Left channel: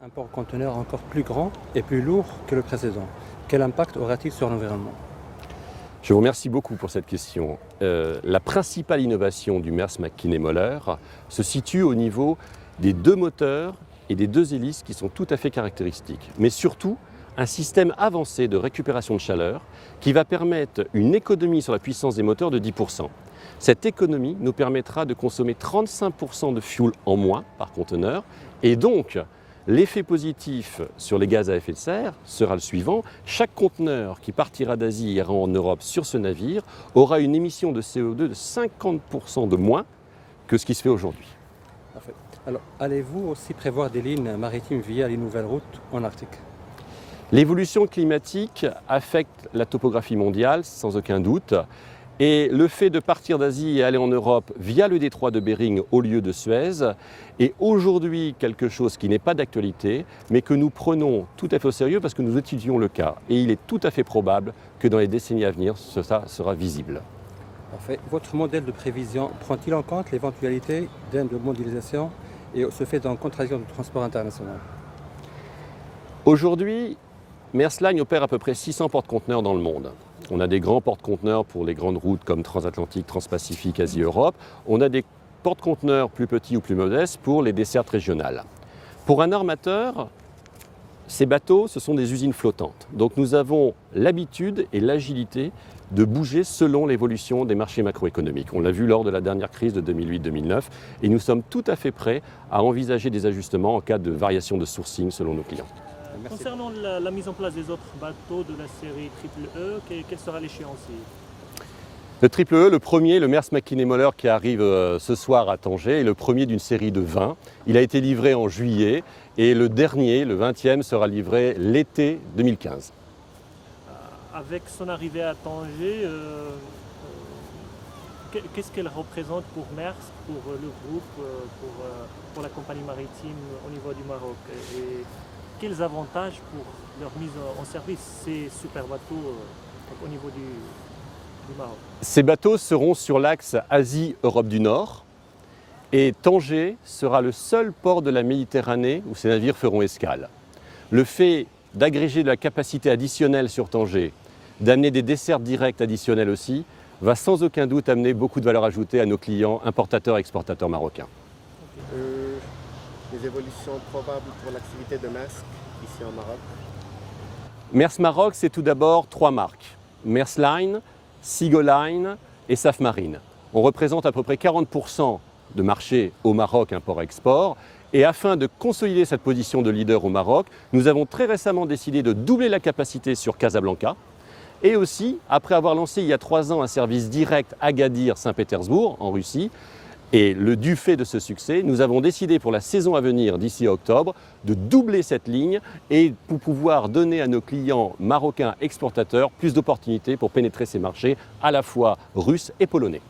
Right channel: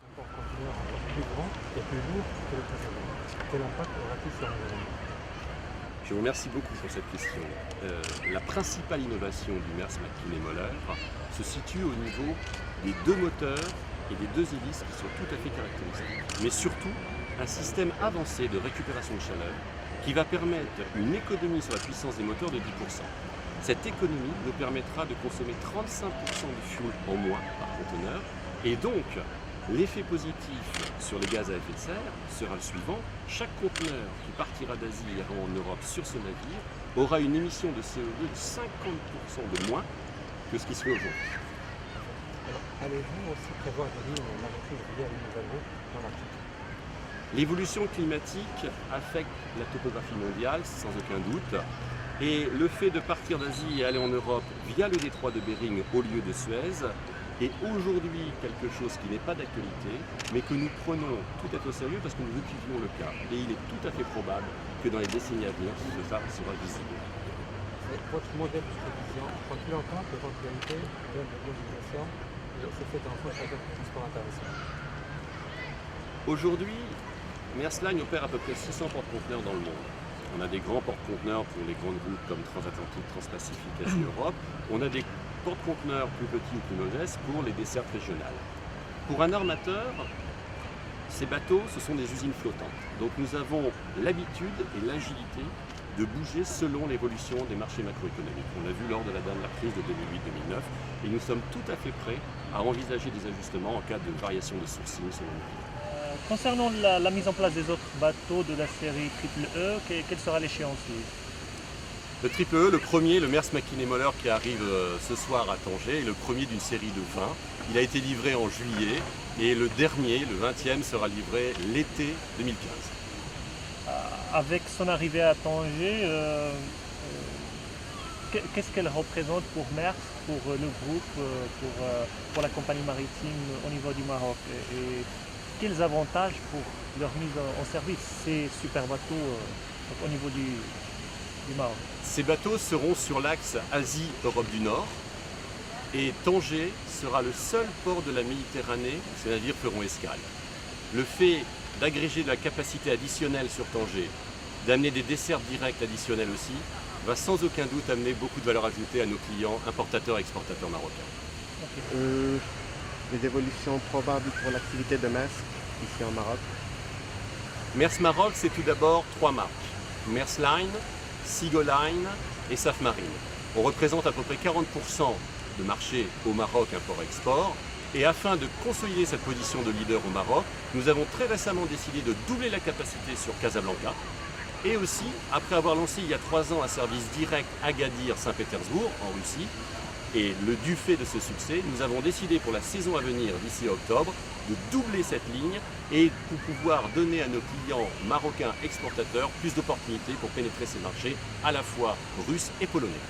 Un porte-conteneur encore plus grand et plus lourd que le précédent. Quel impact aura-t-il sur l'environnement? Je vous remercie beaucoup pour cette question. La principale innovation du Maersk Mc-Kinney Møller se situe au niveau des deux moteurs et des deux hélices qui sont tout à fait caractéristiques. Mais surtout, un système avancé de récupération de chaleur qui va permettre une économie sur la puissance des moteurs de 10%. Cette économie nous permettra de consommer 35% de fuel en moins par conteneur et donc l'effet positif sur les gaz à effet de serre sera le suivant. Chaque conteneur qui partira d'Asie et ira en Europe sur ce navire aura une émission de CO2 de 50% de moins que ce qui se fait aujourd'hui. Alors, allez-vous aussi prévoir des lignes maritimes via les nouvelles routes en Arctique? L'évolution climatique affecte la topographie mondiale, sans aucun doute. Et le fait de partir d'Asie et aller en Europe via le détroit de Bering au lieu de Suez est aujourd'hui quelque chose qui n'est pas d'actualité, mais que nous prenons tout à fait au sérieux parce que nous étudions le cas. Et il est tout à fait probable que dans les décennies à venir, ça sera visible. Parfait. Votre modèle de prévision prend-il en compte l'éventualité de mondialisation et se fait en contradiction du transport international? Aujourd'hui, Maersk Line opère à peu près 600 porte-conteneurs dans le monde. On a des grands porte-conteneurs pour les grandes routes comme Transatlantique, Transpacifique, Asie-Europe. On a des porte-conteneurs plus petits ou plus modestes pour les dessertes régionales. Pour un armateur, ces bateaux, ce sont des usines flottantes. Donc nous avons l'habitude et l'agilité de bouger selon l'évolution des marchés macroéconomiques. On l'a vu lors de la dernière crise de 2008-2009 et nous sommes tout à fait prêts à envisager des ajustements en cas de variation de sourcing selon nos clients. Concernant la mise en place des autres bateaux de la série Triple E, quelle sera l'échéance? Le Triple E, le premier, le Maersk Mc-Kinney Møller qui arrive ce soir à Tanger, est le premier d'une série de 20. Il a été livré en juillet et le dernier, le 20e, sera livré l'été 2015. Avec son arrivée à Tanger, qu'est-ce qu'elle représente pour Maersk, pour le groupe, pour la compagnie maritime au niveau du Maroc? Et quels avantages pour leur mise en service, ces super bateaux au niveau du Maroc? Ces bateaux seront sur l'axe Asie-Europe du Nord et Tanger sera le seul port de la Méditerranée où ces navires feront escale. Le fait d'agréger de la capacité additionnelle sur Tanger, d'amener des dessertes directes additionnelles aussi, va sans aucun doute amener beaucoup de valeur ajoutée à nos clients importateurs et exportateurs marocains. Les évolutions probables pour l'activité de Maersk ici en Maroc? Maersk Maroc, c'est tout d'abord 3 marques. Maersk Line, Seagull Line et Safmarine. On représente à peu près 40% de marché au Maroc import-export. Et afin de consolider cette position de leader au Maroc, nous avons très récemment décidé de doubler la capacité sur Casablanca. Et aussi, après avoir lancé il y a 3 ans un service direct Agadir-Saint-Pétersbourg en Russie, et du fait de ce succès, nous avons décidé pour la saison à venir, d'ici octobre, de doubler cette ligne et pour pouvoir donner à nos clients marocains exportateurs plus d'opportunités pour pénétrer ces marchés à la fois russes et polonais.